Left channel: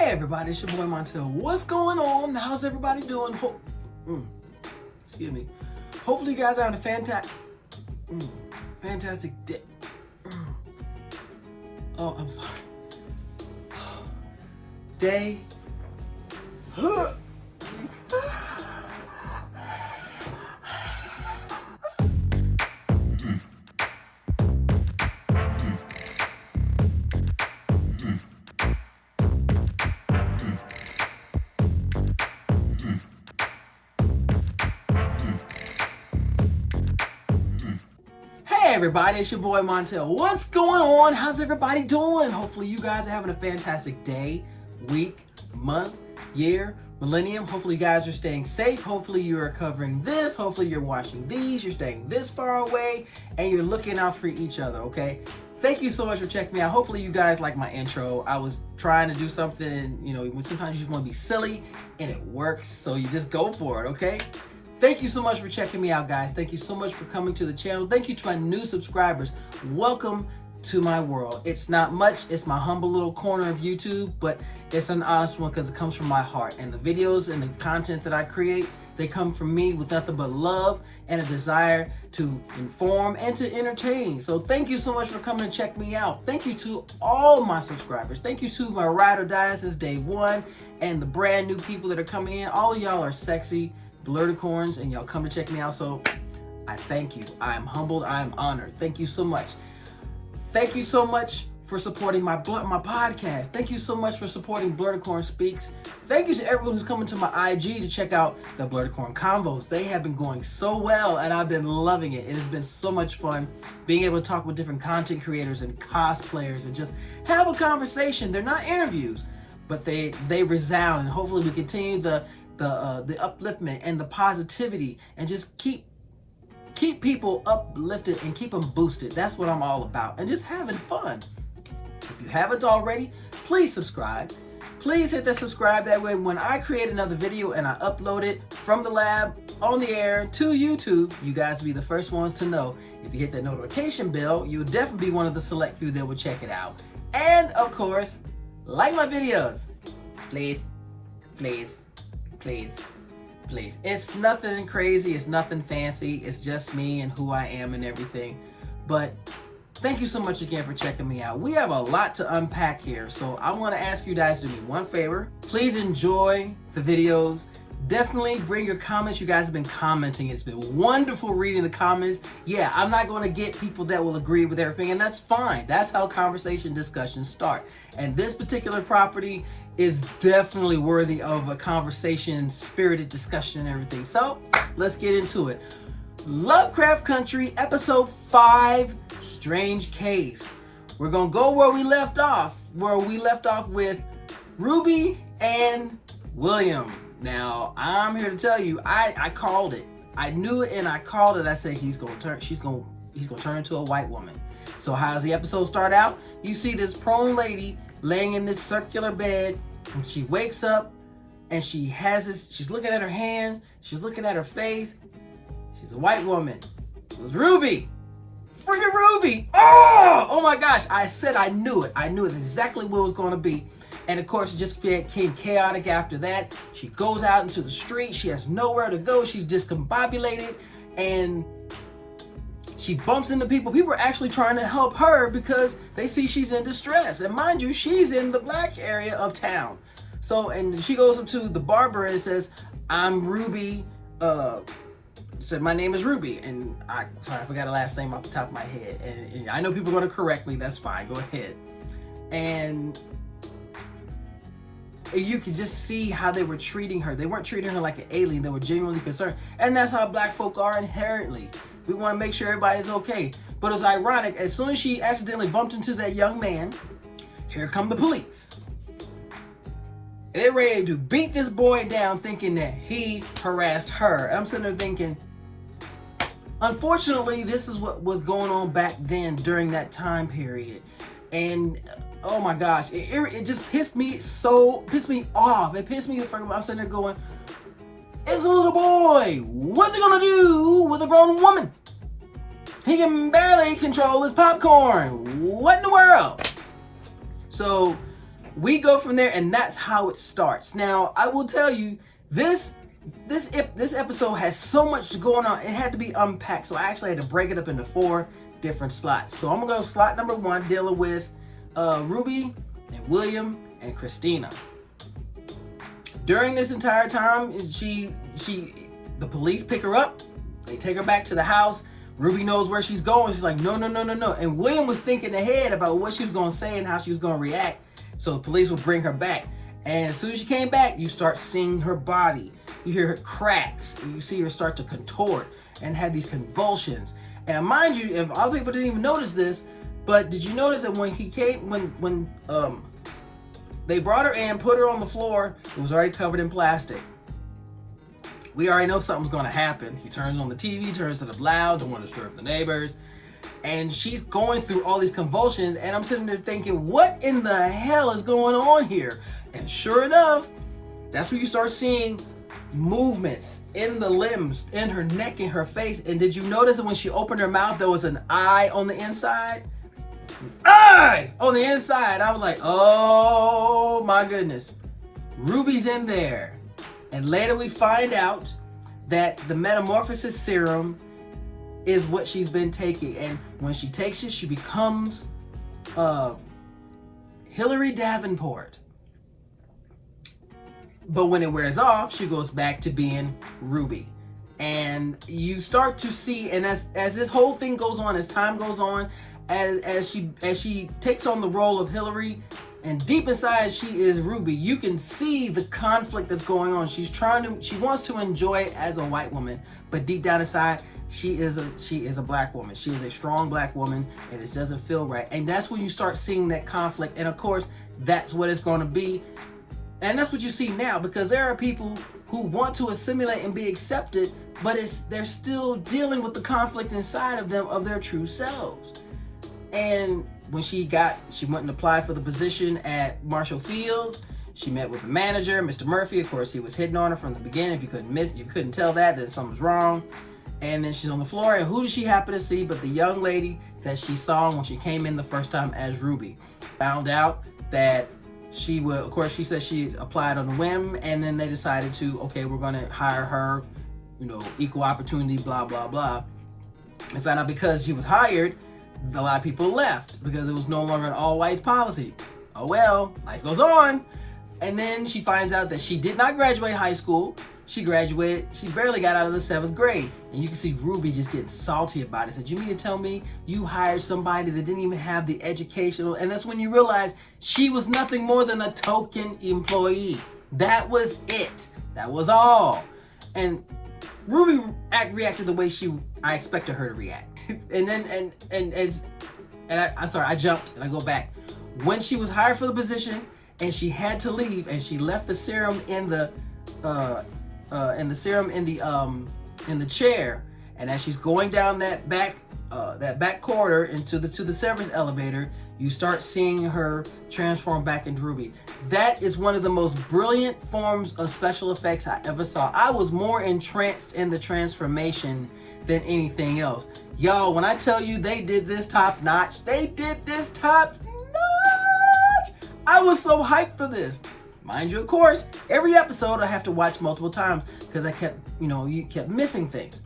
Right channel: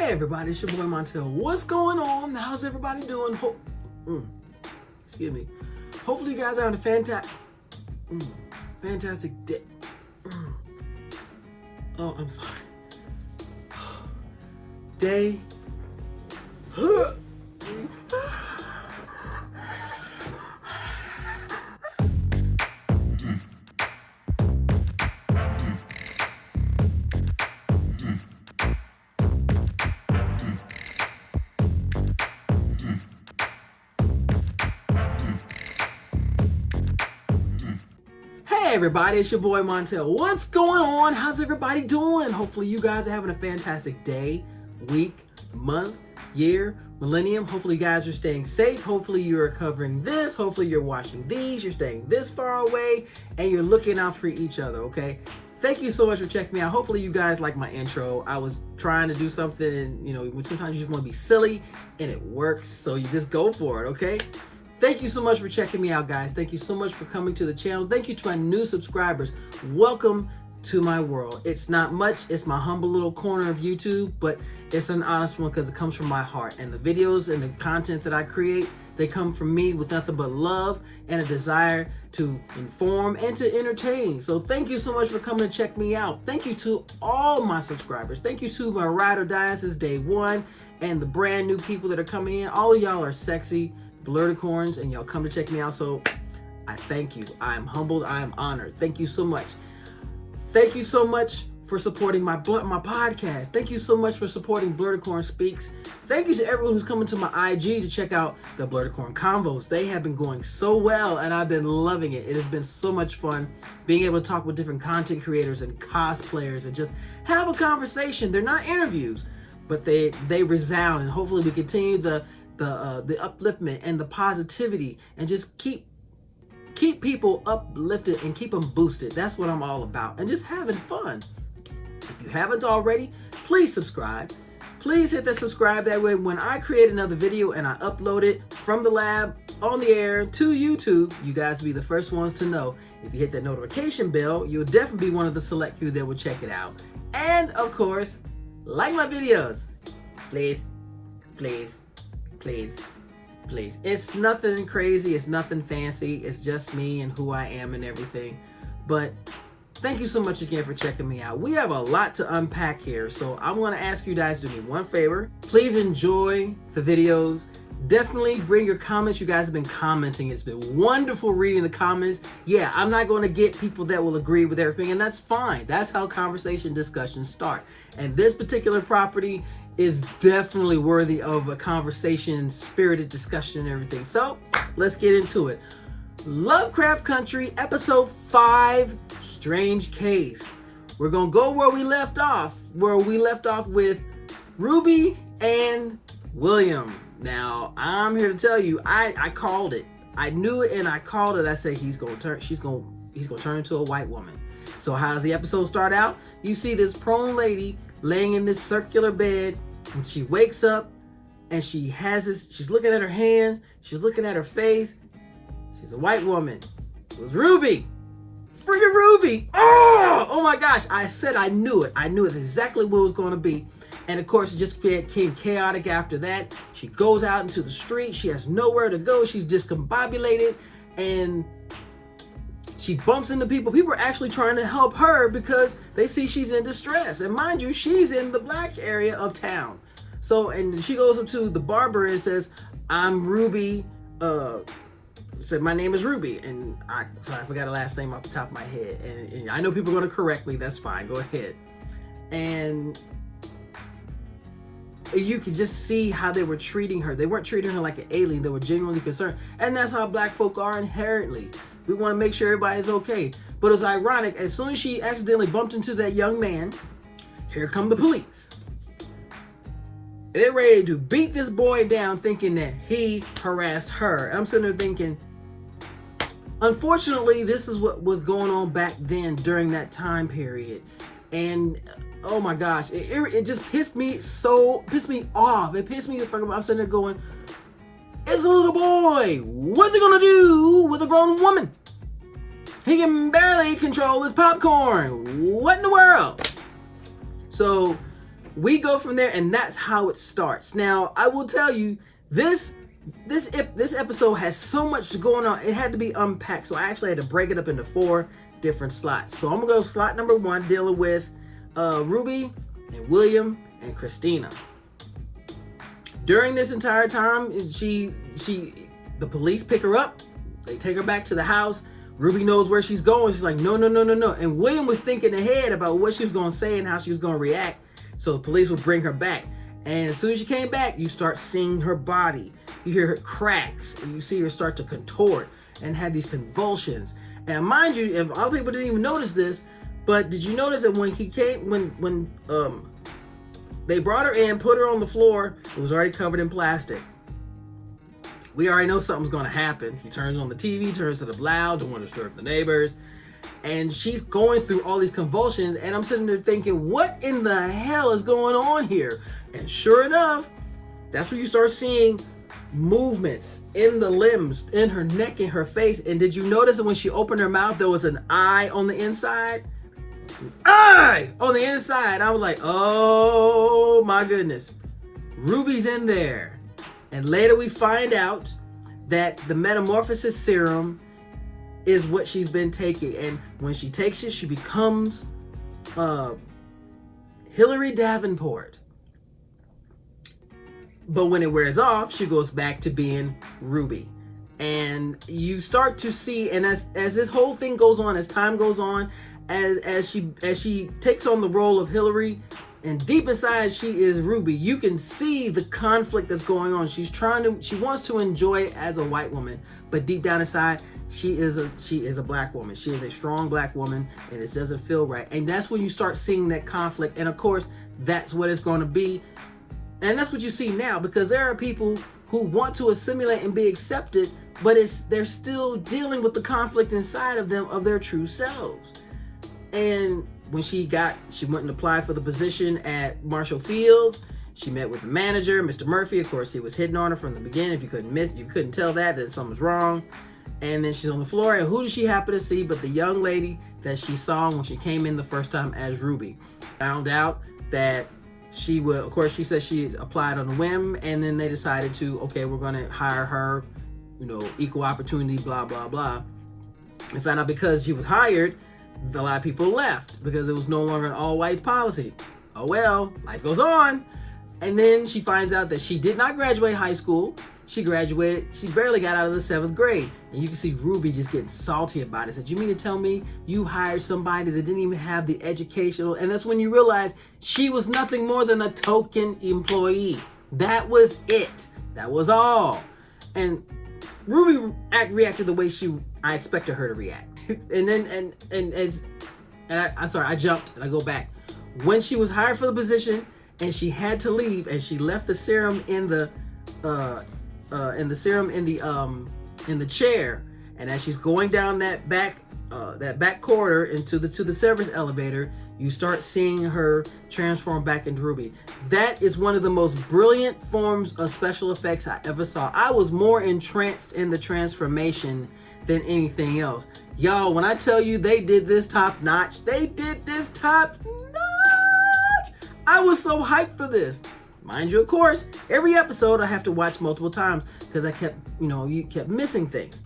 Hey everybody, it's your boy Montel. What's going on? How's everybody doing? Excuse me. Hopefully you guys are having a fantastic day. Oh, I'm sorry. Day. Hey everybody, it's your boy Montel. What's going on? How's everybody doing? Hopefully you guys are having a fantastic day, week, month, year, millennium. Hopefully you guys are staying safe. Hopefully you're covering this. Hopefully you're watching these. You're staying this far away and you're looking out for each other, okay? Thank you so much for checking me out. Hopefully you guys like my intro. I was trying to do something, when sometimes you just want to be silly and it works, so you just go for it, okay? Thank you so much for checking me out, guys. Thank you so much for coming to the channel. Thank you to my new subscribers. Welcome to my world. It's not much. It's my humble little corner of YouTube, but it's an honest one because it comes from my heart. And the videos and the content that I create, they come from me with nothing but love and a desire to inform and to entertain. So thank you so much for coming to check me out. Thank you to all my subscribers. Thank you to my ride or die since day one and the brand new people that are coming in. All of y'all are sexy Blerdicorns and y'all come to check me out, so I thank you. I am humbled. I am honored. Thank you so much. Thank you so much for supporting my podcast. Thank you so much for supporting Blerdicorn Speaks. Thank you to everyone who's coming to my IG to check out the Blerdicorn Convos. They have been going so well and I've been loving it. It has been so much fun being able to talk with different content creators and cosplayers and just have a conversation. They're not interviews, but they resound, and hopefully we continue the upliftment and the positivity and just keep people uplifted and keep them boosted. That's what I'm all about, and just having fun. If you haven't already, please subscribe. Please hit that subscribe. That way when I create another video and I upload it from the lab on the air to YouTube, you guys will be the first ones to know. If you hit that notification bell, you'll definitely be one of the select few that will check it out. And of course, like my videos. Please, please, please, please. It's nothing crazy. It's nothing fancy. It's just me and who I am and everything. But thank you so much again for checking me out. We have a lot to unpack here, so I want to ask you guys to do me one favor. Please enjoy the videos. Definitely bring your comments. You guys have been commenting. It's been wonderful reading the comments. Yeah, I'm not going to get people that will agree with everything, and that's fine. That's how conversation discussions start. And this particular property is definitely worthy of a conversation, spirited discussion and everything. So let's get into it. Lovecraft Country, episode 5, Strange Case. We're gonna go where we left off with Ruby and William. Now I'm here to tell you, I called it. I knew it and I called it. I said he's gonna turn into a white woman. So how does the episode start out? You see this prone lady laying in this circular bed, and she wakes up and she's looking at her hands, she's looking at her face. She's a white woman. It was Ruby. Freaking Ruby. Oh my gosh. I said I knew it. I knew it exactly what it was going to be. And of course, it just became chaotic after that. She goes out into the street. She has nowhere to go. She's discombobulated and she bumps into people. People are actually trying to help her because they see she's in distress. And mind you, she's in the black area of town. So, and she goes up to the barber and says, I'm Ruby. Said, my name is Ruby. And I forgot her last name off the top of my head. And I know people are going to correct me. That's fine. Go ahead. And you could just see how they were treating her. They weren't treating her like an alien. They were genuinely concerned. And that's how black folk are inherently. We want to make sure everybody's okay. But it was ironic. As soon as she accidentally bumped into that young man, here come the police. They're ready to beat this boy down, thinking that he harassed her. I'm sitting there thinking, unfortunately, this is what was going on back then during that time period. And oh my gosh, it just pissed me off. It pissed me the fuck off. I'm sitting there going, it's a little boy. What's he gonna do with a grown woman? He can barely control his popcorn. What in the world? So we go from there, and that's how it starts. Now, I will tell you, this episode has so much going on. It had to be unpacked, so I actually had to break it up into 4 different slots. So I'm gonna go slot number 1, dealing with Ruby and William and Christina. During this entire time, the police pick her up. They take her back to the house. Ruby knows where she's going. She's like, no. And William was thinking ahead about what she was going to say and how she was going to react. So the police would bring her back. And as soon as she came back, you start seeing her body. You hear her cracks. And you see her start to contort and have these convulsions. And mind you, if a lot of people didn't even notice this, but did you notice that when he came, when they brought her in, put her on the floor, it was already covered in plastic. We already know something's going to happen. He turns on the TV, turns it up loud, don't want to disturb the neighbors. And she's going through all these convulsions, and I'm sitting there thinking, what in the hell is going on here? And sure enough, that's where you start seeing movements in the limbs, in her neck, in her face. And did you notice that when she opened her mouth, there was an eye on the inside? Eye on the inside. I was like, oh my goodness. Ruby's in there. And later we find out that the metamorphosis serum is what she's been taking. And when she takes it, she becomes Hillary Davenport. But when it wears off, she goes back to being Ruby. And you start to see, and as this whole thing goes on, as time goes on, as she takes on the role of Hillary, and deep inside she is Ruby, you can see the conflict that's going on. She wants to enjoy it as a white woman, but deep down inside, she is a black woman. She is a strong black woman, and it doesn't feel right. And that's when you start seeing that conflict. And of course, that's what it's going to be. And that's what you see now, because there are people who want to assimilate and be accepted, but they're still dealing with the conflict inside of them of their true selves. And when she went and applied for the position at Marshall Fields, she met with the manager, Mr. Murphy. Of course, he was hitting on her from the beginning. If you couldn't tell that, then something's wrong. And then she's on the floor, and who does she happen to see but the young lady that she saw when she came in the first time as Ruby? Found out that she would, of course, she said she applied on a whim, and then they decided to, okay, we're going to hire her, equal opportunity, blah, blah, blah. And found out because she was hired, a lot of people left because it was no longer an all whites policy. Oh well, life goes on. And then she finds out that she did not graduate high school. She barely got out of the 7th grade. And you can see Ruby just getting salty about it. Said, you mean to tell me you hired somebody that didn't even have the educational? And that's when you realize she was nothing more than a token employee. That was it. That was all. And Ruby reacted the way I expected her to react. I jumped and I go back. When she was hired for the position and she had to leave, and she left the serum in the chair, and as she's going down that back corridor into the service elevator, you start seeing her transform back into Ruby. That is one of the most brilliant forms of special effects I ever saw. I was more entranced in the transformation than anything else. Y'all, when I tell you they did this top notch, I was so hyped for this. Mind you, of course, every episode I have to watch multiple times because I kept missing things.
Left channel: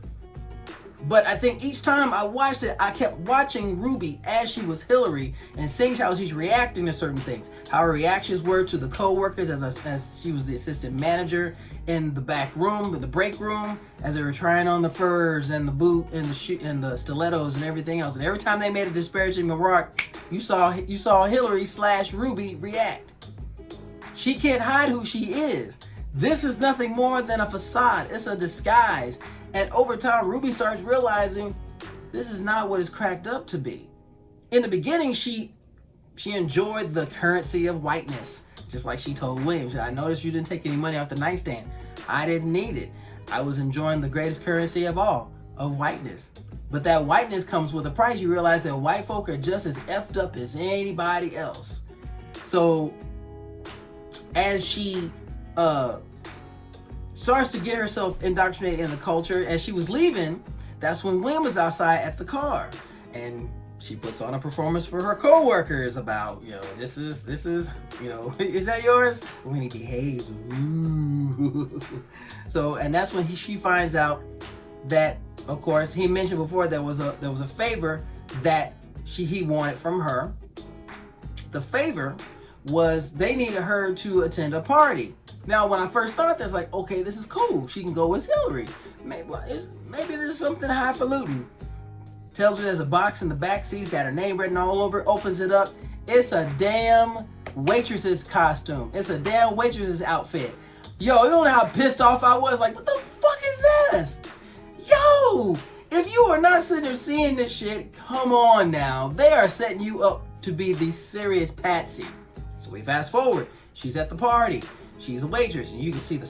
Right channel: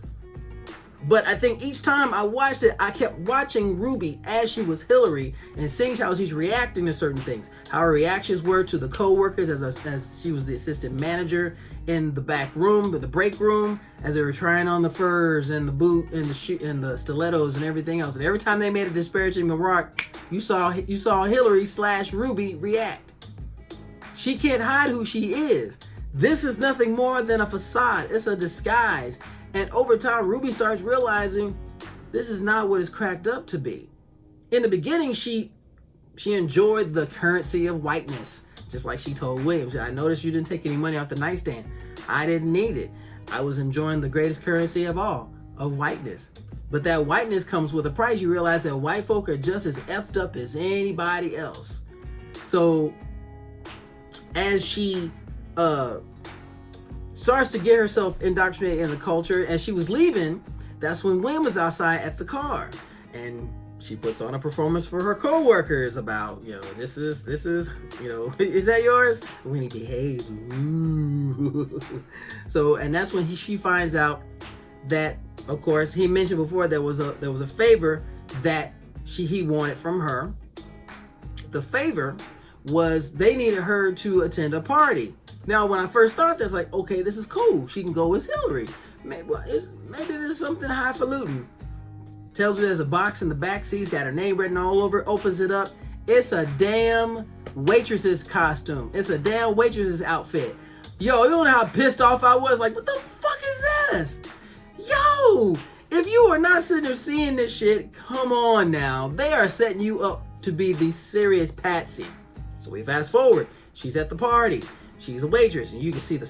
But I think each time I watched it, I kept watching Ruby as she was Hillary and seeing how she's reacting to certain things. How her reactions were to the co-workers as she was the assistant manager in the back room, the break room, as they were trying on the furs and the boot and the shoe and the stilettos and everything else. And every time they made a disparaging remark, you saw Hillary / Ruby react. She can't hide who she is. This is nothing more than a facade. It's a disguise. And over time, Ruby starts realizing this is not what it's cracked up to be. In the beginning, she enjoyed the currency of whiteness. Just like she told Williams, I noticed you didn't take any money off the nightstand. I didn't need it. I was enjoying the greatest currency of all, of whiteness. But that whiteness comes with a price. You realize that white folk are just as effed up as anybody else. So as she starts to get herself indoctrinated in the culture, and she was leaving, that's when William was outside at the car. And she puts on a performance for her co-workers about, this is, is that yours? When he behaves, ooh. So, and that's when she finds out that, of course, he mentioned before there was a favor that he wanted from her. The favor was they needed her to attend a party. Now, when I first thought this, like, okay, this is cool. She can go with Hillary. Maybe there's something highfalutin. Tells her there's a box in the back seat. It's got her name written all over it. Opens it up. It's a damn waitress's costume. It's a damn waitress's outfit. Yo, you don't know how pissed off I was. Like, what the fuck is this? Yo, if you are not sitting there seeing this shit, come on now. They are setting you up to be the serious patsy. So we fast forward. She's at the party. She's a waitress, and you can see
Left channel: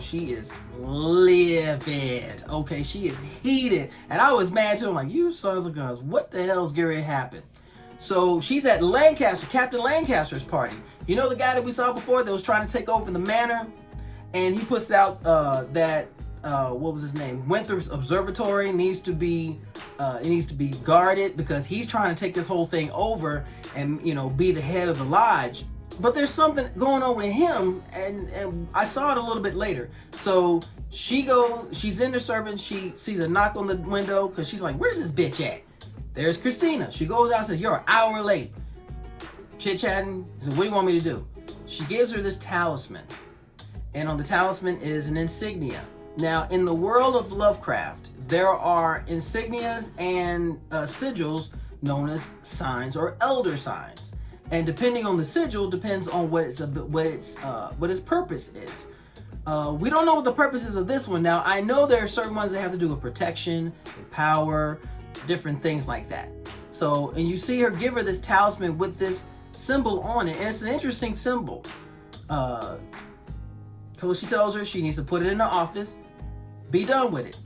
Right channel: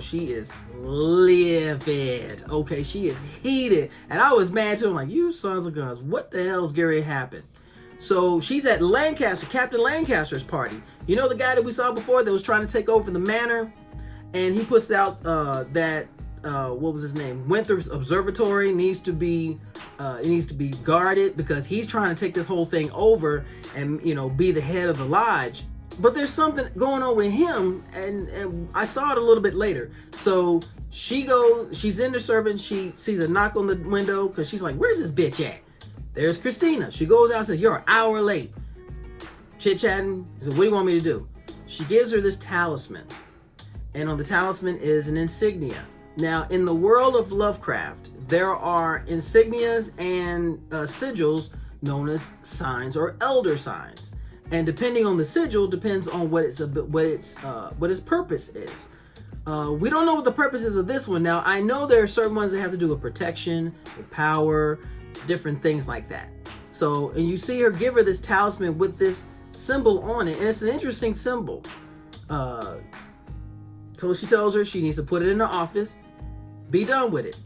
she is livid. Okay, she is heated. And I was mad too. I'm like, you sons of guns, what the hell's going to happen? So she's at Captain Lancaster's party. You know the guy that we saw before that was trying to take over the manor? And he puts out that, what was his name? Winthrop's Observatory needs to be guarded because he's trying to take this whole thing over and, be the head of the lodge. But there's something going on with him, and I saw it a little bit later. So she's in the servant, she sees a knock on the window because she's like, where's this bitch at? There's Christina. She goes out and says, you're an hour late. Chit-chatting. So what do you want me to do? She gives her this talisman. And on the talisman is an insignia. Now, in the world of Lovecraft, there are insignias and sigils known as signs or elder signs. And depending on the sigil, depends on what its purpose is. We don't know what the purpose is of this one. Now, I know there are certain ones that have to do with protection, with power, different things like that. So, and you see her give her this talisman with this symbol on it, and it's an interesting symbol. So she tells her she needs to put it in the office, be done with it.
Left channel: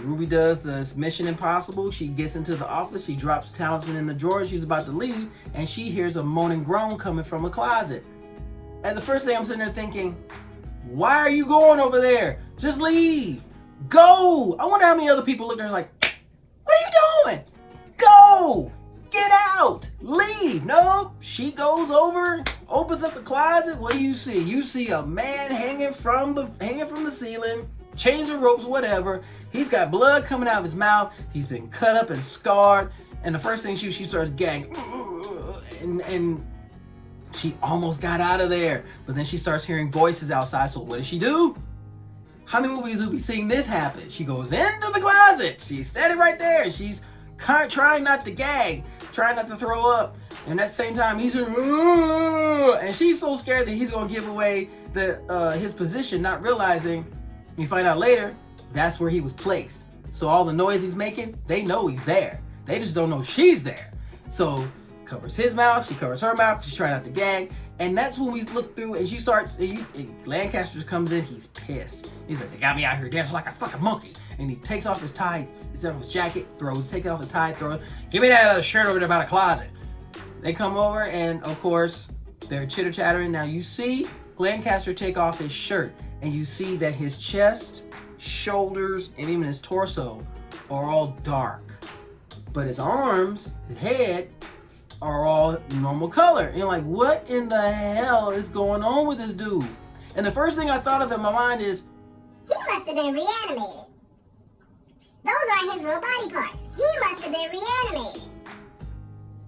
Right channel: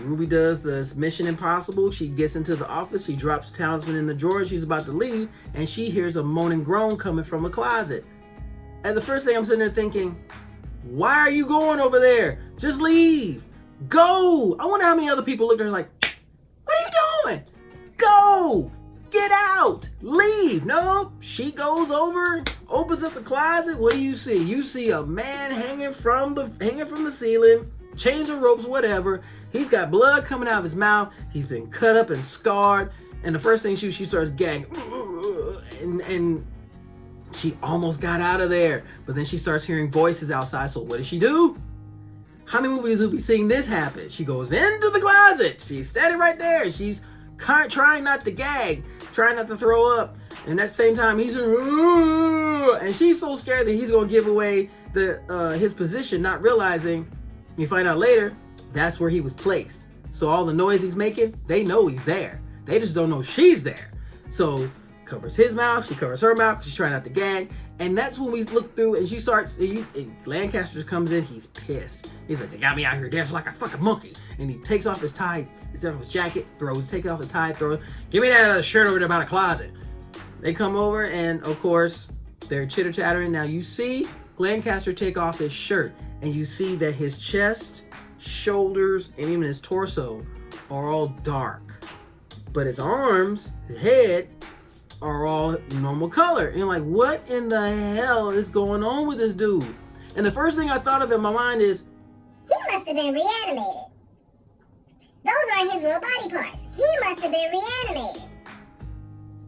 Ruby does this Mission Impossible. She gets into the office, she drops the talisman in the drawer, she's about to leave, and she hears a moan and groan coming from a closet. And the first thing I'm sitting there thinking, why are you going over there? Just leave. Go. I wonder how many other people look at her like, what are you doing? Go. Get out. Leave. Nope. She goes over, opens up the closet. What do you see? You see a man hanging from the ceiling, chains or ropes, whatever. He's got blood coming out of his mouth. He's been cut up and scarred. And the first thing she starts gagging. And she almost got out of there. But then she starts hearing voices outside. So what does she do? How many movies will be seeing this happen? She goes into the closet. She's standing right there. She's trying not to gag, trying not to throw up. And at the same time, he's and she's so scared that he's going to give away his position, not realizing, you find out later, that's where he was placed. So all the noise he's making, they know he's there. They just don't know she's there. So covers his mouth, she covers her mouth, she's trying not to gag. And that's when we look through and she starts, Lancaster comes in, he's pissed. He says, they got me out here dancing like a fucking monkey. And he takes off his tie, takes off his jacket, taking off his tie, throws, give me that other shirt over there by the closet. They come over and of course, they're chitter-chattering. Now you see Lancaster take off his shirt and you see that his chest, shoulders, and even his torso are all dark. But his arms, his head, are all normal color. And you're like, what in the hell is going on with this dude? And the first thing I thought of in my mind is, he must have been reanimated. Those aren't his real body parts. He must have been reanimated.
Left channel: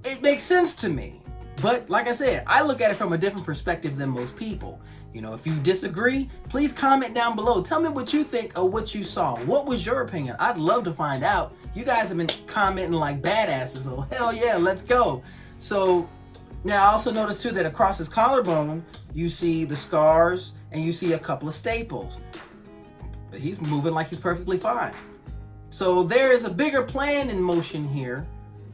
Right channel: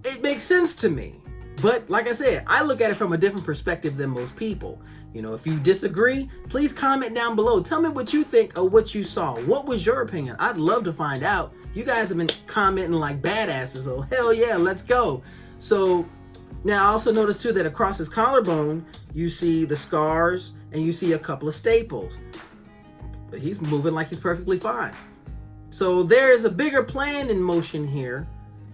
It makes sense to me. But like I said, I look at it from a different perspective than most people. You know, if you disagree, please comment down below. Tell me what you think of what you saw. What was your opinion? I'd love to find out. You guys have been commenting like badasses, so hell yeah, let's go. So now I also noticed too that across his collarbone, you see the scars and you see a couple of staples. But he's moving like he's perfectly fine. So there is a bigger plan in motion here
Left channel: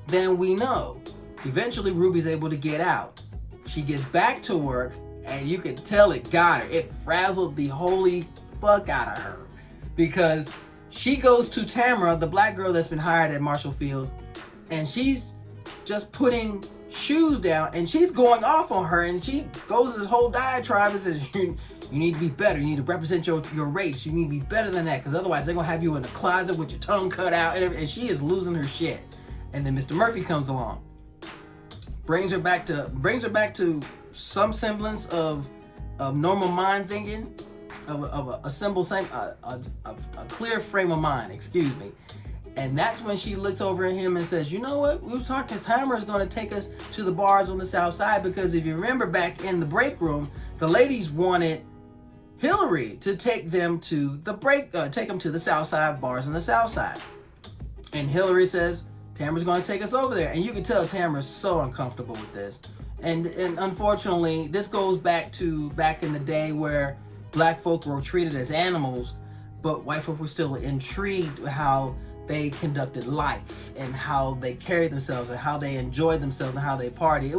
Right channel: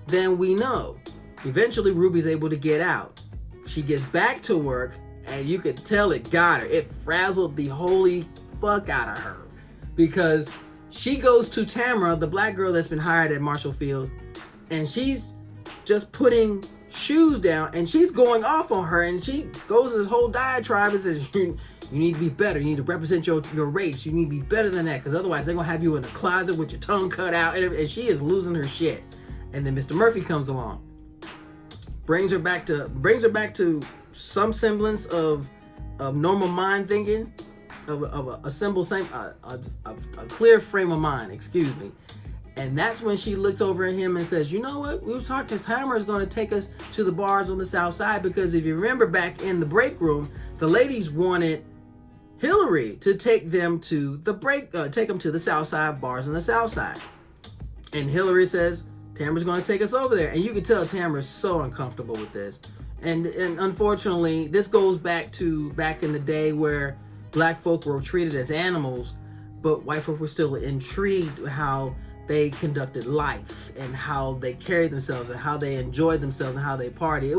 than we know. Eventually Ruby's able to get out. She gets back to work and you could tell it got her. It frazzled the holy fuck out of her. Because she goes to Tamara, the black girl that's been hired at Marshall Field, and she's just putting shoes down and she's going off on her, and she goes to this whole diatribe and says, you need to be better. You need to represent your race. You need to be better than that, because otherwise they're going to have you in the closet with your tongue cut out. And she is losing her shit. And then Mr. Murphy comes along, brings her back to some semblance of normal mind thinking, of a clear frame of mind, excuse me. And that's when she looks over at him and says, you know what? We were talking, Tamara is going to take us to the bars on the south side, because if you remember back in the break room, the ladies wanted Hillary to take them to the south side bars on the south side. And Hillary says, Tamara's going to take us over there. And you can tell Tamara's so uncomfortable with this. And unfortunately, this goes back in the day where black folk were treated as animals, but white folk were still intrigued with how they conducted life and how they carried themselves and how they enjoyed themselves and how they party.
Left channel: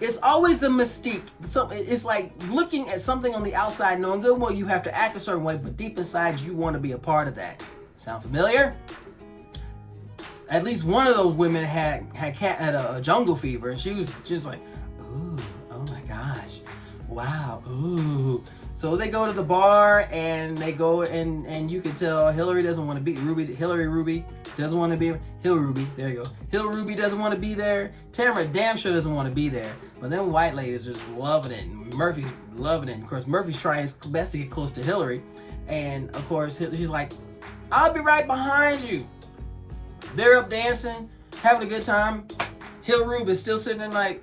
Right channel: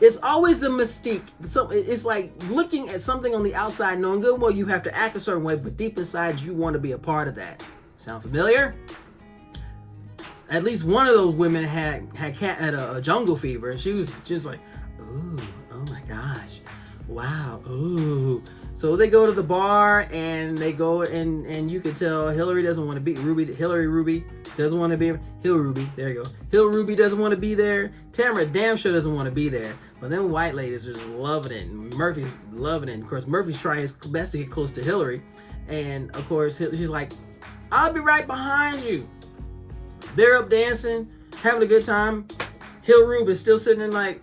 It's always the mystique. So it's like looking at something on the outside, knowing good well you have to act a certain way, but deep inside you want to be a part of that. Sound familiar? At least one of those women had a jungle fever, and she was just like, ooh, oh my gosh, wow, ooh. So they go to the bar, and they go, and you can tell Hillary doesn't want to be Ruby doesn't want to be Hill Ruby. There you go. Hill Ruby doesn't want to be there. Tamara damn sure doesn't want to be there. But then white ladies are just loving it, and Murphy's loving it. And of course, Murphy's trying his best to get close to Hillary, and of course, she's like, "I'll be right behind you." They're up dancing, having a good time. Hill Ruby is still sitting there like,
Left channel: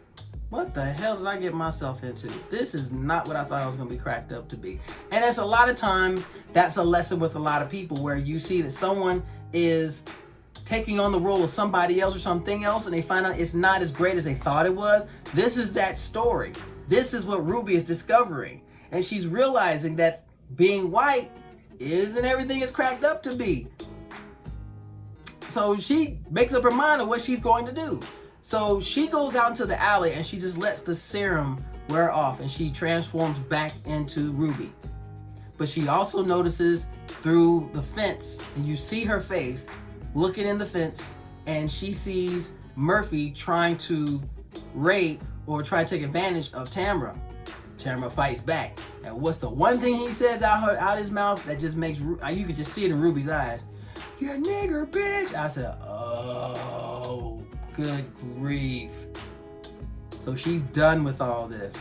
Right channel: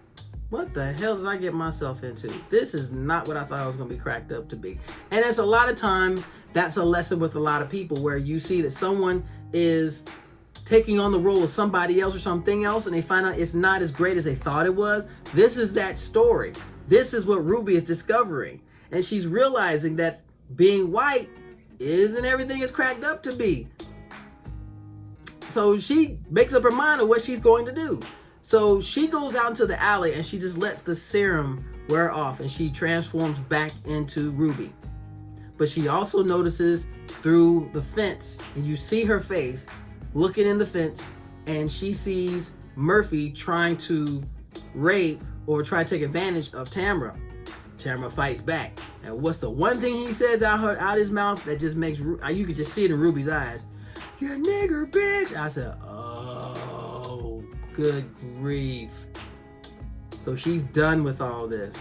what the hell did I get myself into? This is not what I thought I was going to be cracked up to be. And that's a lot of times, that's a lesson with a lot of people, where you see that someone is taking on the role of somebody else or something else, and they find out it's not as great as they thought it was. This is that story. This is what Ruby is discovering. And she's realizing that being white isn't everything it's cracked up to be. So she makes up her mind of what she's going to do. So she goes out into the alley, and she just lets the serum wear off, and she transforms back into Ruby. But she also notices through the fence, and you see her face looking in the fence, and she sees Murphy trying to rape or try to take advantage of Tamara. Tamara fights back. And what's the one thing he says out his mouth that just makes, you could just see it in Ruby's eyes? "You nigger bitch." I said, oh, good grief. So she's done with all this.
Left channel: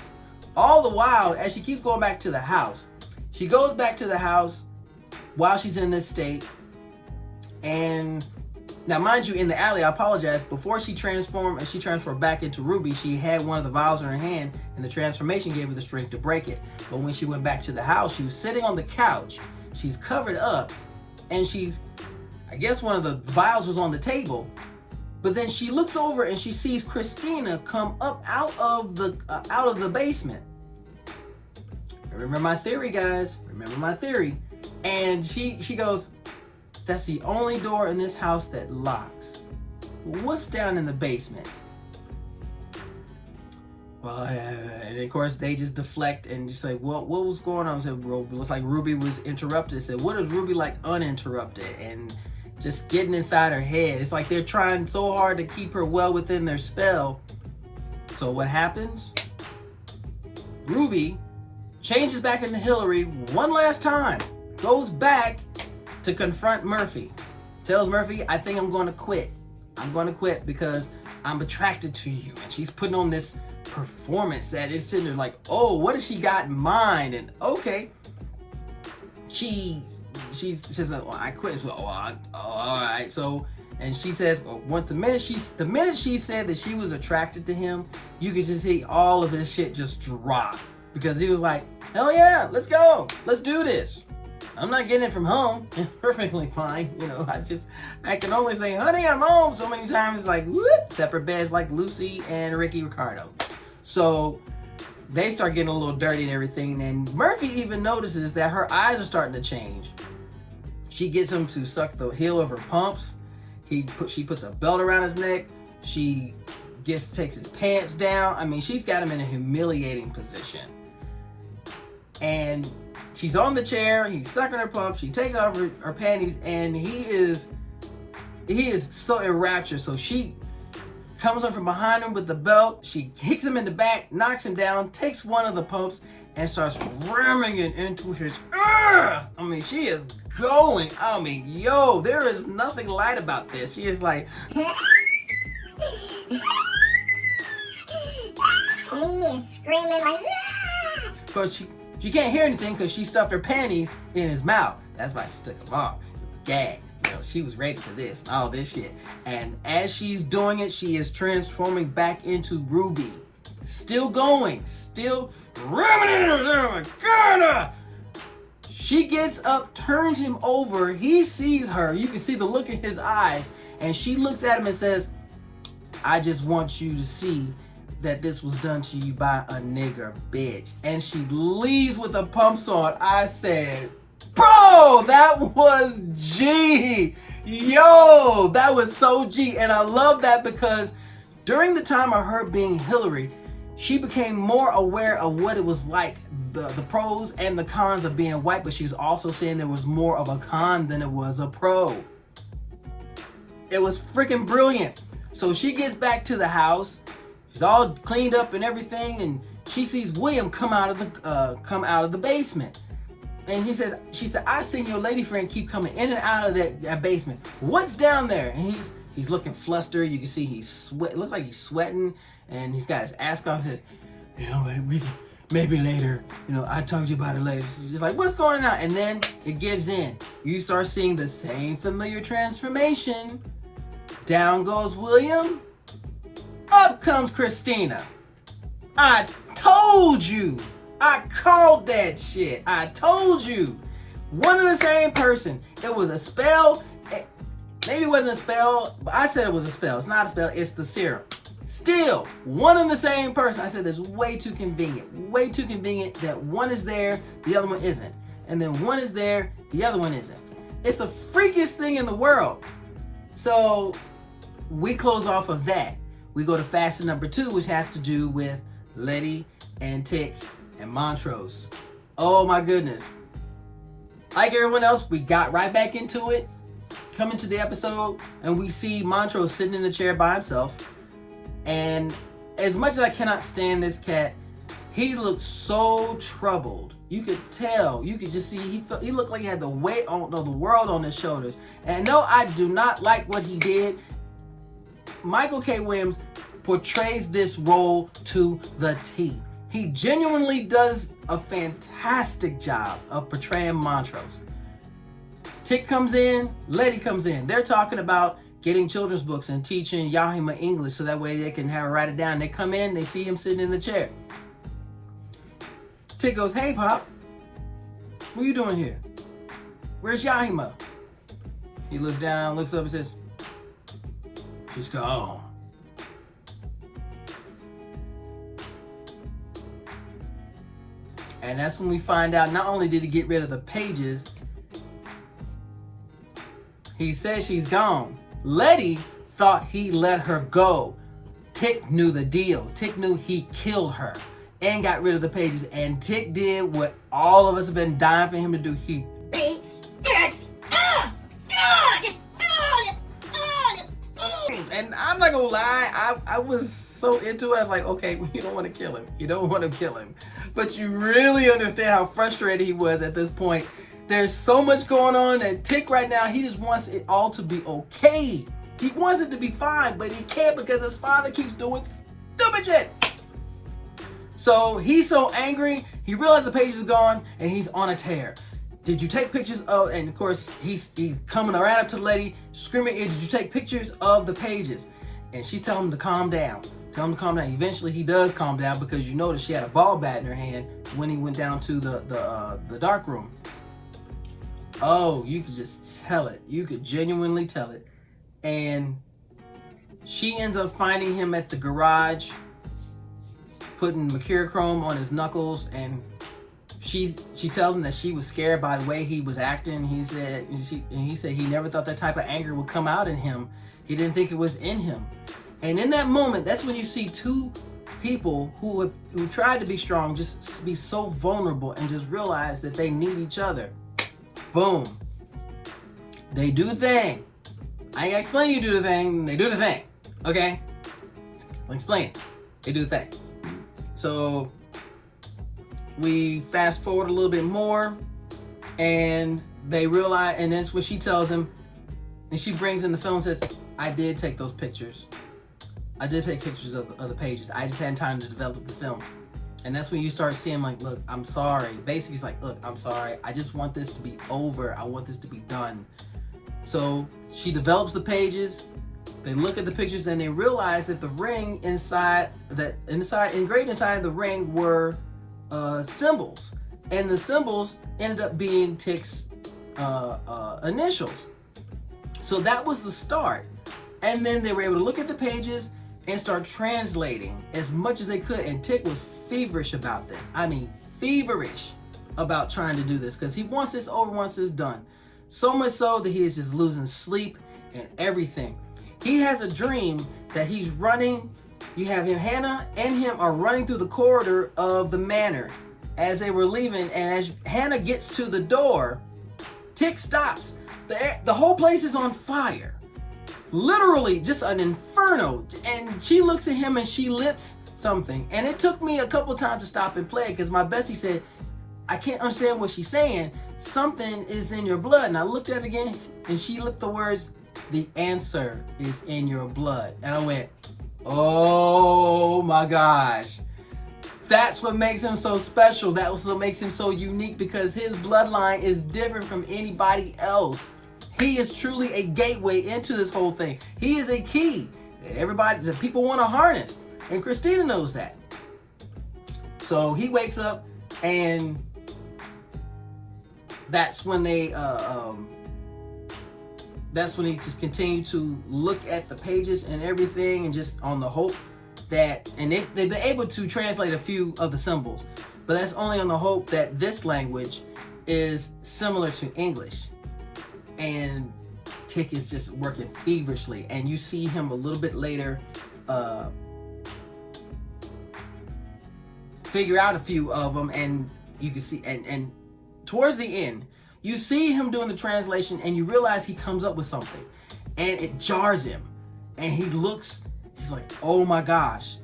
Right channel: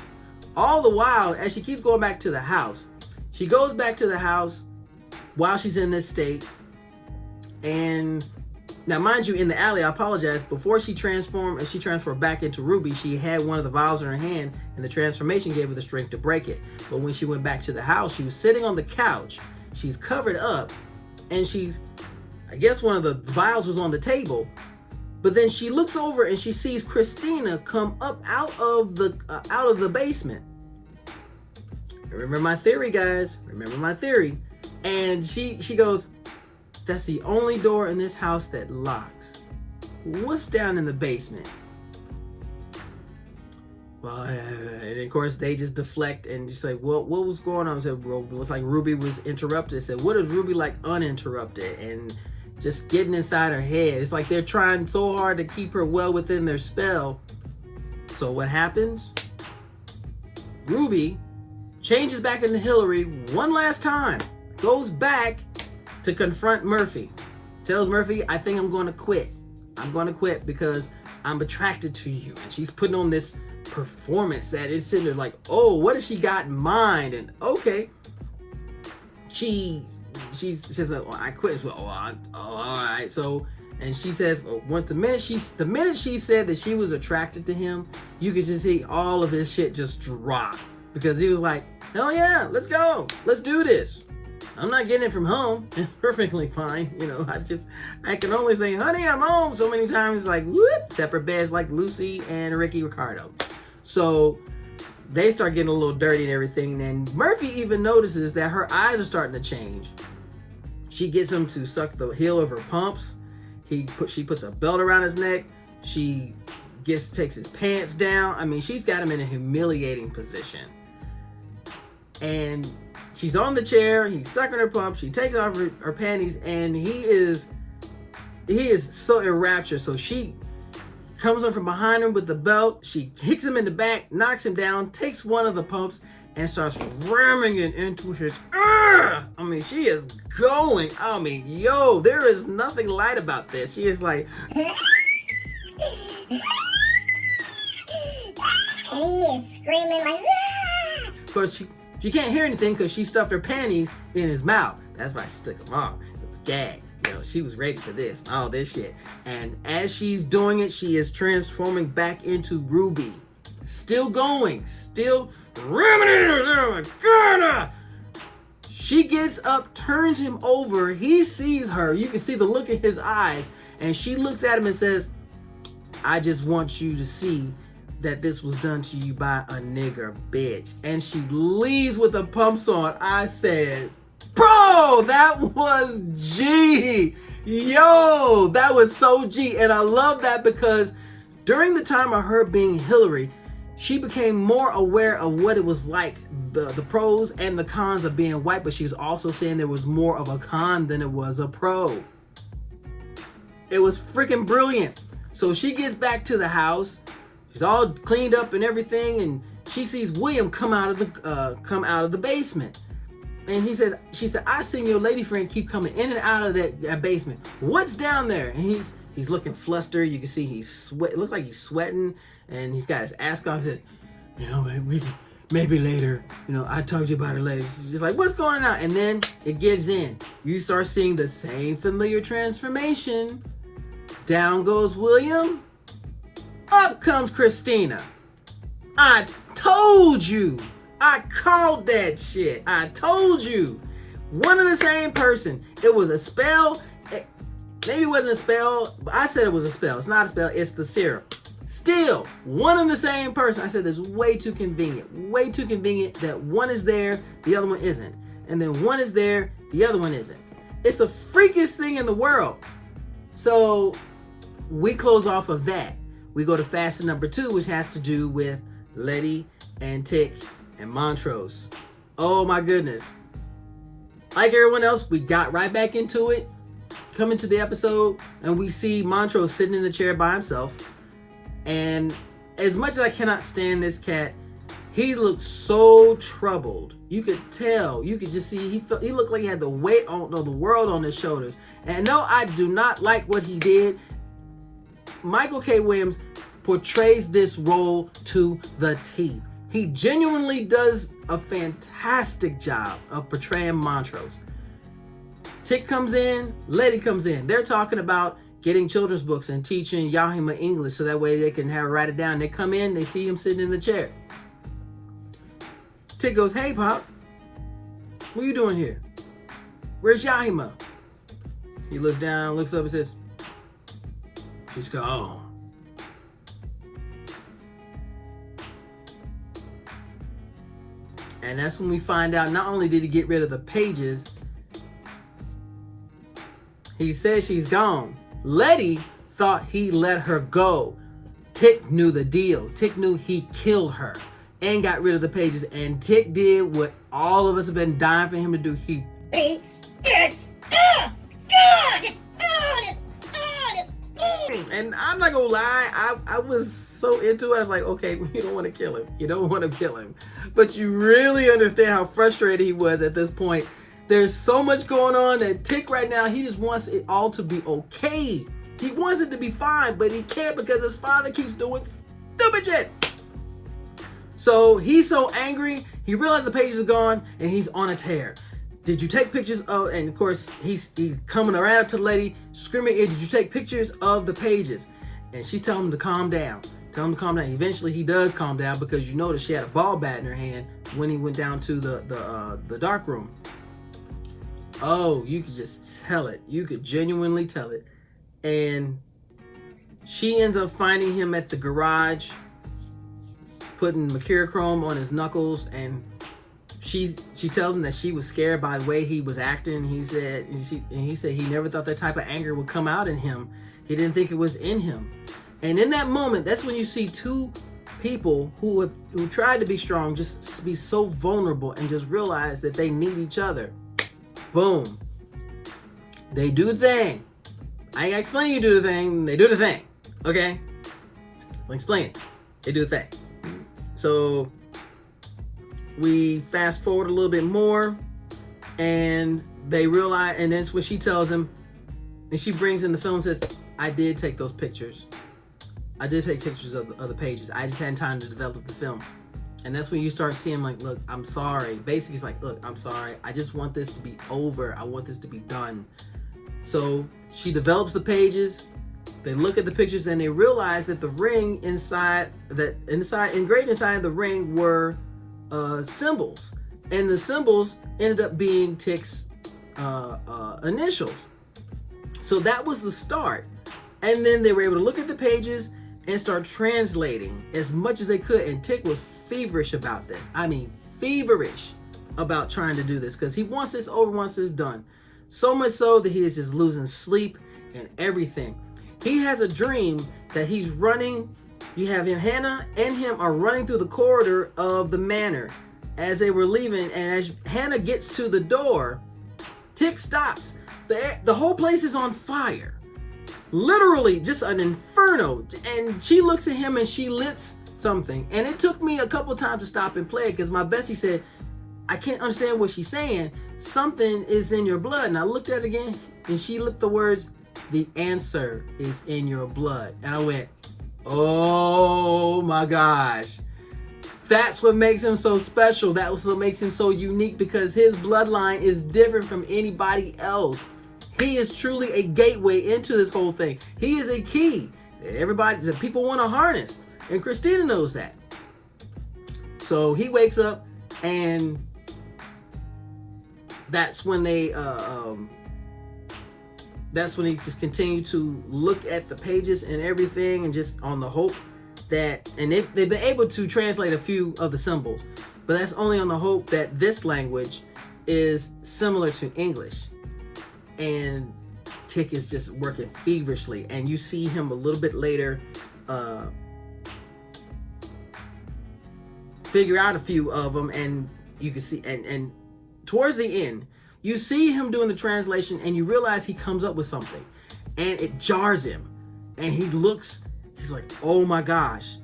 All the while, as she keeps going back to the house, she goes back to the house while she's in this state. And now, mind you, in the alley, I apologize, before she transformed back into Ruby, she had one of the vials in her hand, and the transformation gave her the strength to break it. But when she went back to the house, she was sitting on the couch. She's covered up, and I guess one of the vials was on the table. But then she looks over and she sees Christina come up out of the basement. Remember my theory, guys. Remember my theory. And she goes, "That's the only door in this house that locks. What's down in the basement?" Well, and of course they just deflect and just say, "Well, what was going on?" I said, "Well, it looks like Ruby was interrupted." I said, "What is Ruby like uninterrupted?" And just getting inside her head. It's like they're trying so hard to keep her well within their spell. So what happens? Ruby changes back into Hillary one last time. Goes back to confront Murphy. Tells Murphy, "I think I'm going to quit. I'm going to quit because I'm attracted to you." And she's putting on this performance that is sitting there like, oh, what has she got in mind? And okay. She says, "Well, I quit." So, all right. So, and she says, well, the minute she said that she was attracted to him, you could just see all of his shit just drop, because he was like, "Hell yeah, let's go, let's do this. I'm not getting it from home." Perfectly fine, I can only say, "Honey, I'm home" so many times, like whoop, separate beds like Lucy and Ricky Ricardo. So they start getting a little dirty and everything, and Murphy even notices that her eyes are starting to change. She gets him to suck the heel of her pumps. She puts a belt around his neck. She takes his pants down. I mean, she's got him in a humiliating position. And she's on the chair. He's sucking her pumps. She takes off her panties, and he is so enraptured. So she comes up from behind him with the belt. She kicks him in the back, knocks him down, takes one of the pumps, and starts ramming it into his. I mean, she is going. I mean, there is nothing light about this. She is like, And he is screaming like, ah! Of course, she can't hear anything because she stuffed her panties in his mouth. That's why she took them off. It's a gag. You know, she was ready for this and all this shit. And as she's doing it, she is transforming back into Ruby. Still going. Still. Oh my God! She gets up, turns him over. He sees her. You can see the look in his eyes. And she looks at him and says, I just want you to see that this was done to you by a nigger bitch. And she leaves with the pumps on. I said, bro, that was G. Yo, that was so G. And I love that because during the time of her being Hillary, she became more aware of what it was like, the pros and the cons of being white, but she was also saying there was more of a con than it was a pro. It was freaking brilliant. So she gets back to the house. She's all cleaned up and everything, and she sees William come out of the basement. And she said, I seen your lady friend keep coming in and out of that basement. What's down there? And he's looking flustered. You can see it looks like he's sweating, and he's got his ass off. He said, you know, maybe later. You know, I told you about it later. She's just like, what's going on? And then it gives in. You start seeing the same familiar transformation. Down goes William. Up comes Christina. I told you. I called that shit. I told you. One and the same person. It was a spell. Maybe it wasn't a spell, but I said it was a spell. It's not a spell. It's the serum. Still, one and the same person. I said it's way too convenient. Way too convenient that one is there, the other one isn't. And then one is there, the other one isn't. It's the freakiest thing in the world. So we close off of that. We go to facet number 2, which has to do with Letty and Tick and Montrose. Oh my goodness. Like everyone else, we got right back into it. Come into the episode and we see Montrose sitting in the chair by himself. And as much as I cannot stand this cat, he looked so troubled. You could tell. You could just see he looked like he had the weight of the world on his shoulders. And no, I do not like what he did. Michael K. Williams portrays this role to the T. He genuinely does a fantastic job of portraying Montrose. Tick comes in, Letty comes in. They're talking about getting children's books and teaching Yahima English so that way they can have her write it down. They come in, they see him sitting in the chair. Tick goes, hey, Pop, what are you doing here? Where's Yahima? He looks down, looks up and says, she's gone. And that's when we find out not only did he get rid of the pages, he says she's gone. Letty thought he let her go. Tick knew the deal. Tick knew he killed her and got rid of the pages. And Tick did what all of us have been dying for him to do. He beat it. And I'm not gonna lie, I was so into it. I was like, okay, you don't want to kill him. You don't want to kill him. But you really understand how frustrated he was at this point. There's so much going on that Tick right now, he just wants it all to be okay. He wants it to be fine, but he can't because his father keeps doing stupid shit. So he's so angry, he realized the pages are gone and he's on a tear. Did you take pictures of, and of course he's coming right up to the lady, screaming, did you take pictures of the pages? And she's telling him to calm down. Tell him to calm down. Eventually he does calm down because you notice she had a ball bat in her hand when he went down to the dark room. Oh, you could just tell it. You could genuinely tell it. And she ends up finding him at the garage, putting mercurochrome on his knuckles, and she tells him that she was scared by the way he was acting. He said he never thought that type of anger would come out in him. He didn't think it was in him. And in that moment, that's when you see two people who tried to be strong just be so vulnerable and just realize that they need each other. Boom. They do the thing. I ain't gonna explain you do the thing. They do the thing. Okay? I'll explain it. They do the thing. So we fast forward a little bit more and they realize, and that's what she tells him, and she brings in the film and says, I did take those pictures. I did take pictures of the pages. I just hadn't time to develop the film. And that's when you start seeing like, look, I'm sorry. Basically, it's like, look, I'm sorry. I just want this to be over. I want this to be done. So she develops the pages. They look at the pictures and they realize that the ring engraved inside the ring were symbols. And the symbols ended up being Tick's initials. So that was the start. And then they were able to look at the pages and start translating as much as they could. And Tick was feverish about this. I mean, feverish about trying to do this because he wants this over, wants this done. So much so that he is just losing sleep and everything. He has a dream that he's running. You have him, Hannah and him are running through the corridor of the manor as they were leaving. And as Hannah gets to the door, Tick stops. The whole place is on fire. Literally just an inferno. And she looks at him and she lips something. And it took me a couple times to stop and play it because my bestie said, I can't understand what she's saying. Something is in your blood. And I looked at it again and she lipped the words, the answer is in your blood. And I went, oh my gosh. That's what makes him so special. That was what makes him so unique because his bloodline is different from anybody else. He is truly a gateway into this whole thing. He is a key. Everybody, people want to harness. And Christina knows that. So he wakes up and that's when they that's when he just continue to look at the pages and everything and just on the hope that, and they've been able to translate a few of the symbols, but that's only on the hope that this language is similar to English. And Tick is just working feverishly, and you see him a little bit later figure out a few of them, and you can see, and towards the end, you see him doing the translation, and you realize he comes up with something, and it jars him, and he looks, he's like, oh my gosh,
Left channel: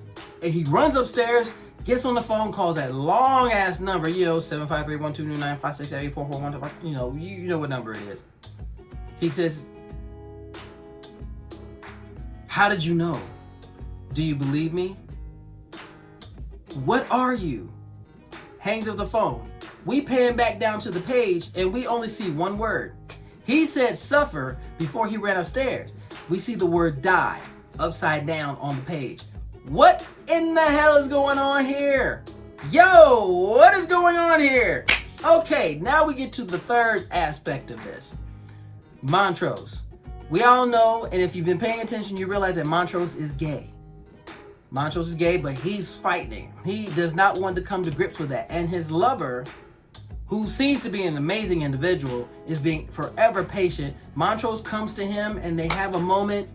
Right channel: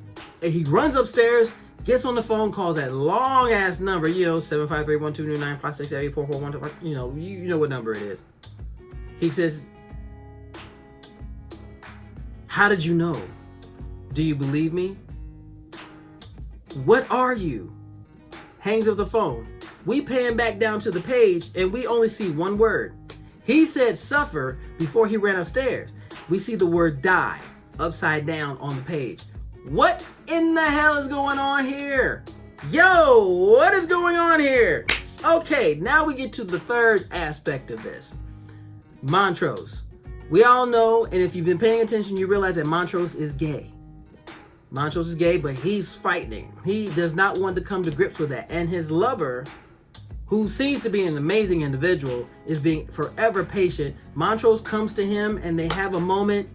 and he runs upstairs, gets on the phone, calls that long ass number, 753-129-567-8441, you know what number it is. He says, how did you know? Do you believe me? What are you? Hangs up the phone. We pan back down to the page and we only see one word. He said suffer before he ran upstairs. We see the word die upside down on the page. What in the hell is going on here? Yo, what is going on here? Okay, now we get to the third aspect of this. Montrose. We all know, and if you've been paying attention, you realize that Montrose is gay. Montrose is gay, but he's fighting. He does not want to come to grips with that. And his lover, who seems to be an amazing individual, is being forever patient. Montrose comes to him and they have a moment,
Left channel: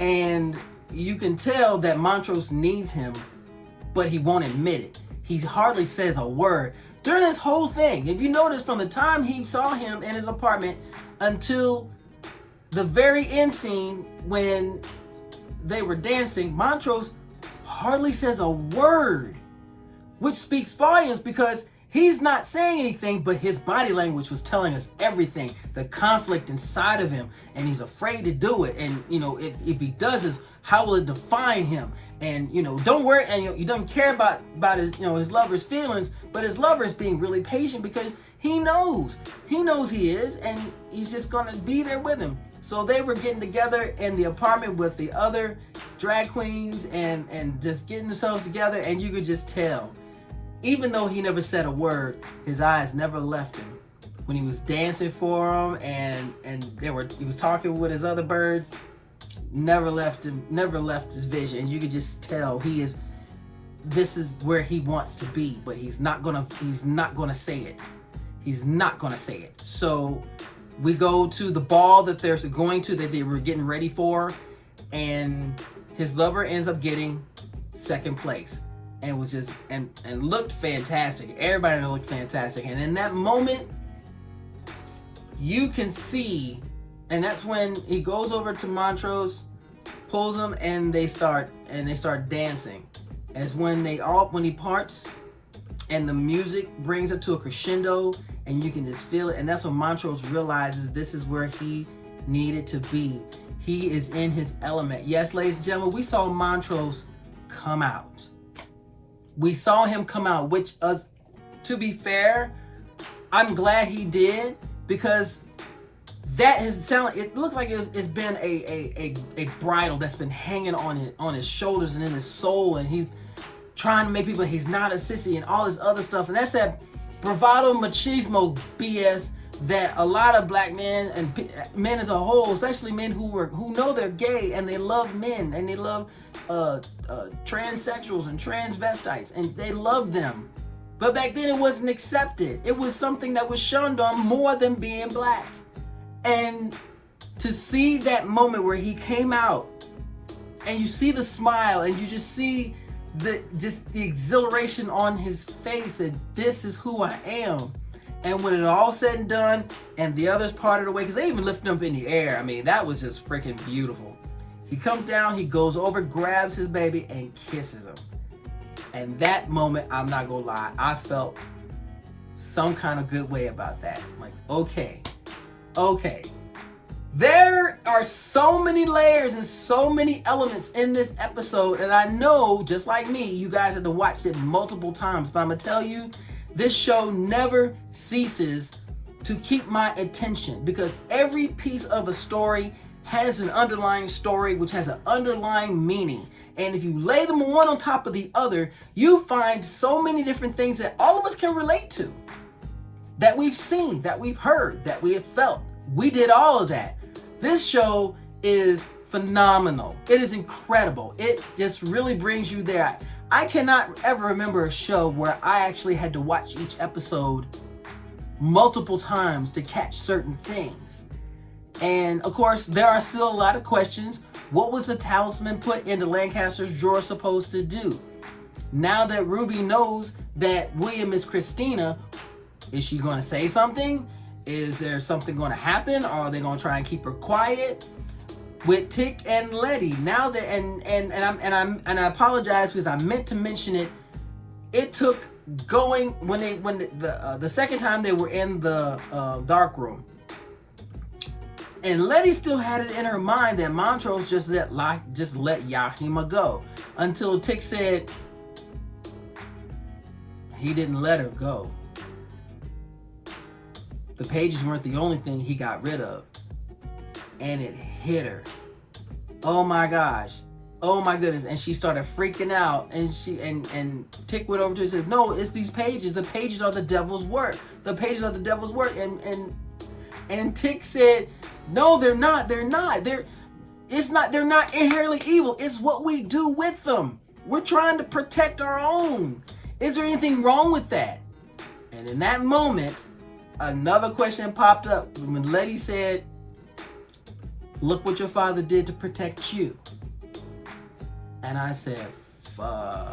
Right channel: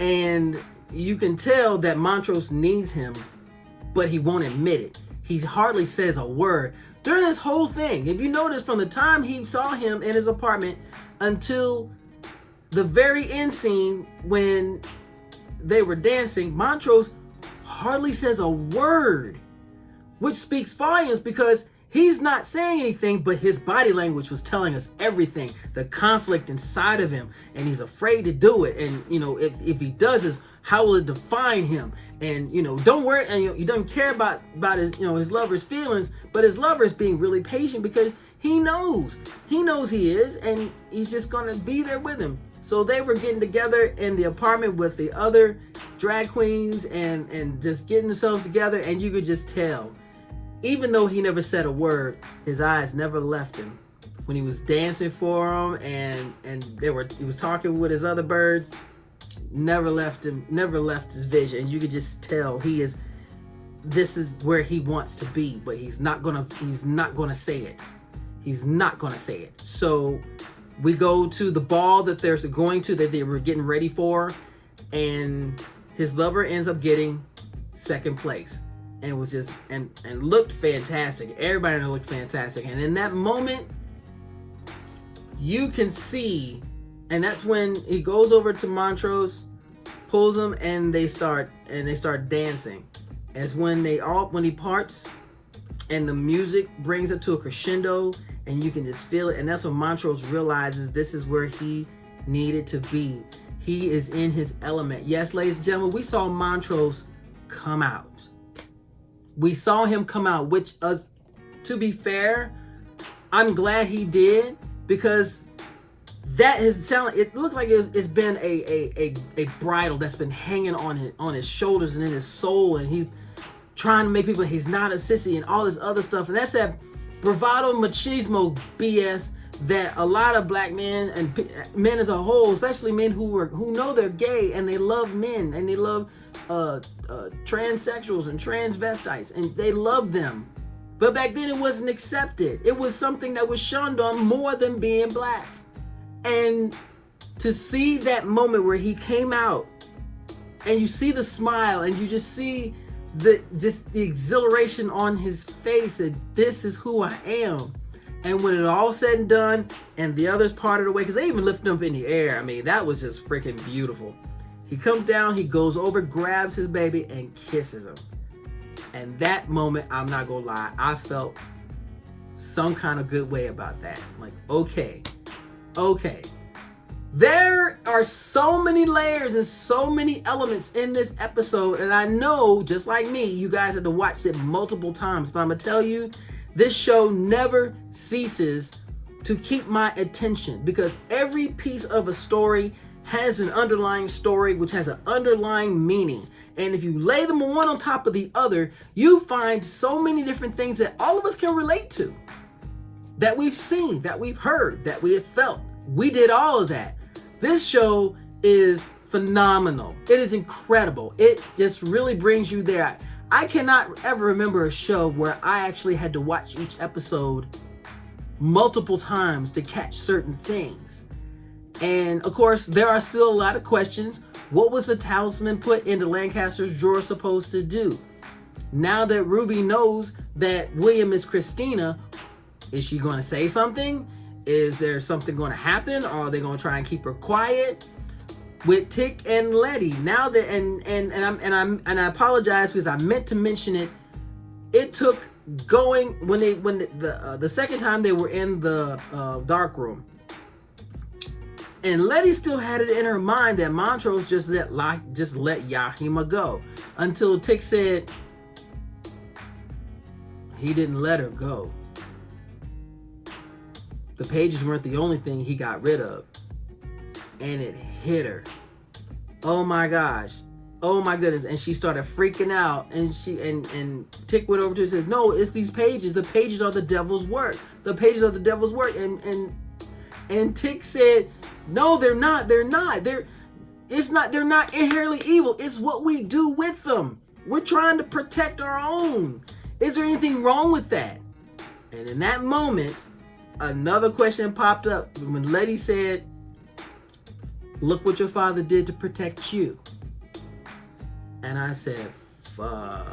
and you can tell that Montrose needs him, but he won't admit it. He hardly says a word. During this whole thing, if you notice, from the time he saw him in his apartment until the very end scene when they were dancing, Montrose hardly says a word, which speaks volumes because he's not saying anything, but his body language was telling us everything, the conflict inside of him, and he's afraid to do it. And, if he does this, how will it define him? And, don't worry, and he doesn't care about his, his lover's feelings, but his lover is being really patient because he knows he is, and he's just gonna be there with him. So they were getting together in the apartment with the other drag queens and just getting themselves together, and you could just tell, even though he never said a word, his eyes never left him. When he was dancing for him and he was talking with his other birds, never left him, never left his vision. And you could just tell this is where he wants to be, but he's not gonna say it. He's not gonna say it. So we go to the ball that they were getting ready for, and his lover ends up getting second place, and was just and looked fantastic. Everybody looked fantastic, and in that moment, you can see, and that's when he goes over to Montrose, pulls him, and they start dancing. And it's when he parts, and the music brings it to a crescendo, and you can just feel it. And that's when Montrose realizes this is where he needed to be. He is in his element. Yes, ladies and gentlemen, we saw Montrose come out. We saw him come out, which, to be fair, I'm glad he did, because that it looks like it's been a bridle that's been hanging on his shoulders and in his soul, and he's trying to make people he's not a sissy and all this other stuff. And that's that bravado machismo BS that a lot of black men and men as a whole, especially men who know they're gay and they love men and they love transsexuals and transvestites and they love them. But back then it wasn't accepted. It was something that was shunned on more than being black. And to see that moment where he came out and you see the smile and you just see the exhilaration on his face, and this is who I am. And when it all said and done and the others parted away, because they even lifted him up in the air, I mean, that was just freaking beautiful. He comes down, he goes over, grabs his baby and kisses him. And that moment, I'm not gonna lie, I felt some kind of good way about that. Like, okay. There are so many layers and so many elements in this episode, and I know, just like me, you guys had to watch it multiple times, but I'm gonna tell you, this show never ceases to keep my attention, because every piece of a story has an underlying story, which has an underlying meaning. And if you lay them one on top of the other, you find so many different things that all of us can relate to, that we've seen, that we've heard, that we have felt. We did all of that. This show is phenomenal. It is incredible. It just really brings you there. I cannot ever remember a show where I actually had to watch each episode multiple times to catch certain things. And of course, there are still a lot of questions. What was the talisman put into Lancaster's drawer supposed to do? Now that Ruby knows that William is Christina, is she going to say something? Is there something going to happen? Or are they going to try and keep her quiet? With Tick and Letty, now that and I apologize because I meant to mention it. It took going when the second time they were in the dark room, and Letty still had it in her mind that Montrose just let Yahima go, until Tick said he didn't let her go. The pages weren't the only thing he got rid of. And it hit her. Oh my gosh. Oh my goodness. And she started freaking out. And and Tick went over to her and says, no, it's these pages. The pages are the devil's work. The pages are the devil's work. And Tick said, no, they're not. They're not. They're not inherently evil. It's what we do with them. We're trying to protect our own. Is there anything wrong with that? And in that moment, another question popped up when Letty said, look what your father did to protect you. And I said, fudge.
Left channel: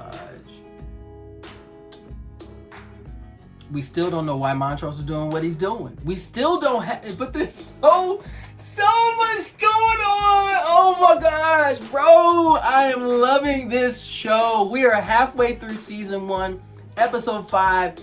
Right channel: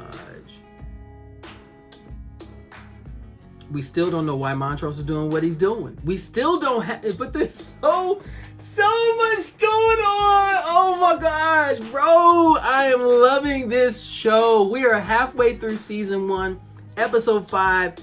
We still don't know why Montrose is doing what he's doing. We still don't have, but there's so much going on. Oh my gosh, bro. I am loving this show. We are halfway through season 1, episode 5.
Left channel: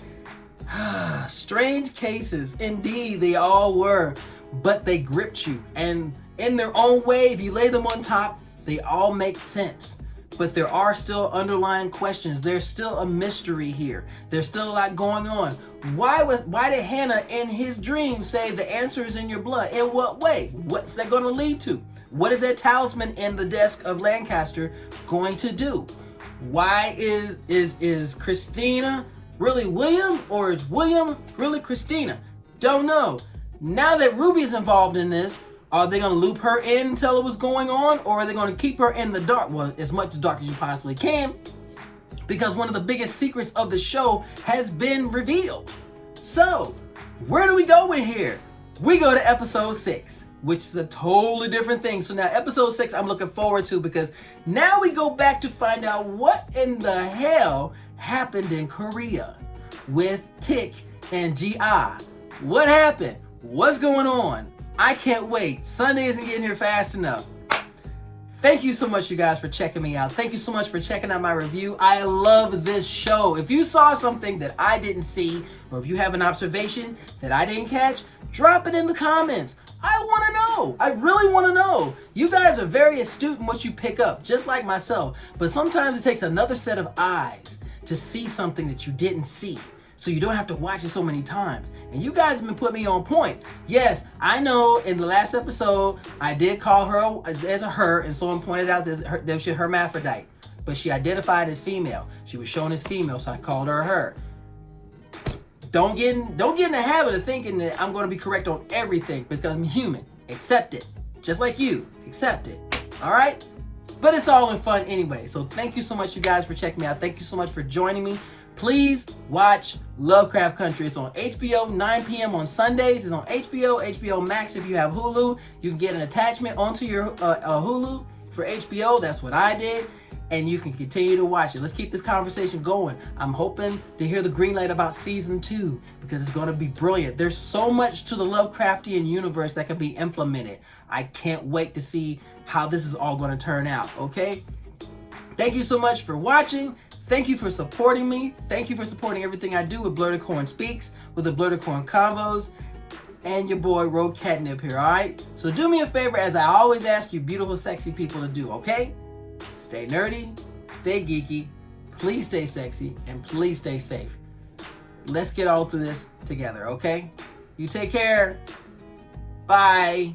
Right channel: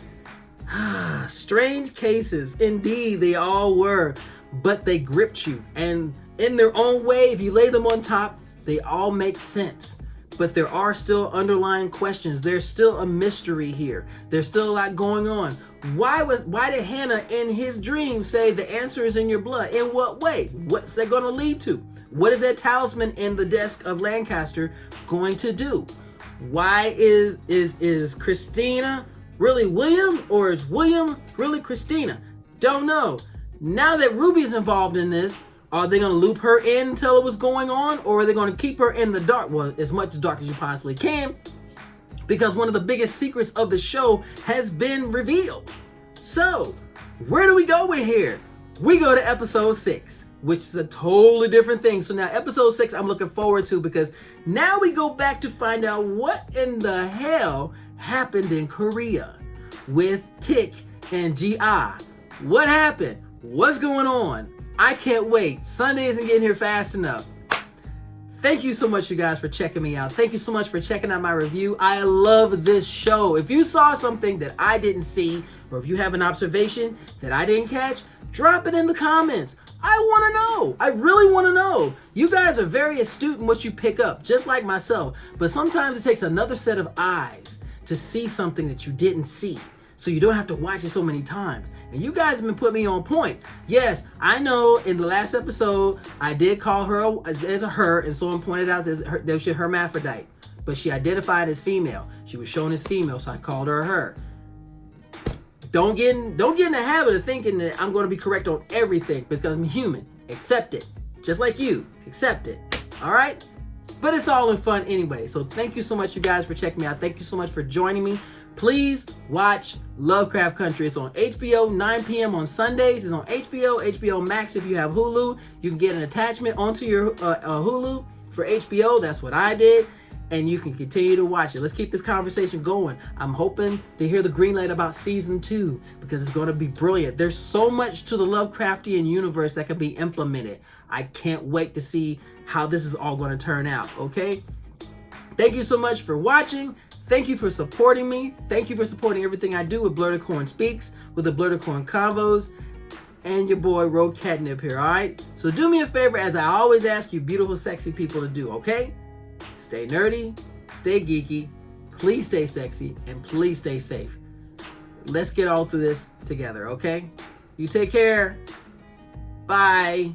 Strange cases, indeed, they all were, but they gripped you, and in their own way, if you lay them on top, they all make sense. But there are still underlying questions. There's still a mystery here. There's still a lot going on. Why did Hannah in his dream say the answer is in your blood? In what way? What's that going to lead to? What is that talisman in the desk of Lancaster going to do? Why is Christina really William, or is William really Christina? Don't know. Now that Ruby's involved in this, are they going to loop her in and tell her what's going on, or are they going to keep her in the dark? Well, as much dark as you possibly can, because one of the biggest secrets of the show has been revealed. So, where do we go with here? We go to episode 6, which is a totally different thing. So now episode 6 I'm looking forward to, because now we go back to find out what in the hell happened in Korea with Tick and G.I. What happened? What's going on? I can't wait. Sunday isn't getting here fast enough. Thank you so much, you guys, for checking me out. Thank you so much for checking out my review. I love this show. If you saw something that I didn't see, or if you have an observation that I didn't catch, drop it in the comments. I want to know. I really want to know. You guys are very astute in what you pick up, just like myself. But sometimes it takes another set of eyes to see something that you didn't see. So you don't have to watch it so many times. And you guys have been putting me on point. Yes, I know in the last episode, I did call her as a her, and someone pointed out that she's hermaphrodite. But she identified as female. She was shown as female, so I called her a her. Don't get in the habit of thinking that I'm going to be correct on everything because I'm human. Accept it. Just like you. Accept it. All right? But it's all in fun anyway. So thank you so much, you guys, for checking me out. Thank you so much for joining me. Please watch Lovecraft Country. It's on HBO, 9 p.m. on Sundays. It's on HBO Max. If you have Hulu, you can get an attachment onto your Hulu for HBO. That's what I did. And you can continue to watch it. Let's keep this conversation going. I'm hoping to hear the green light about season 2 because it's going to be brilliant. There's so much to the Lovecraftian universe that can be implemented. I can't wait to see how this is all going to turn out, okay? Thank you so much for watching. Thank you for supporting me. Thank you for supporting everything I do with Blerdicorn Speaks, with the Blerdicorn Convos, and your boy Rogue Catnip here, all right? So do me a favor, as I always ask you beautiful, sexy people to do, okay? Stay nerdy, stay geeky, please stay sexy, and please stay safe. Let's get all through this together, okay? You take care. Bye.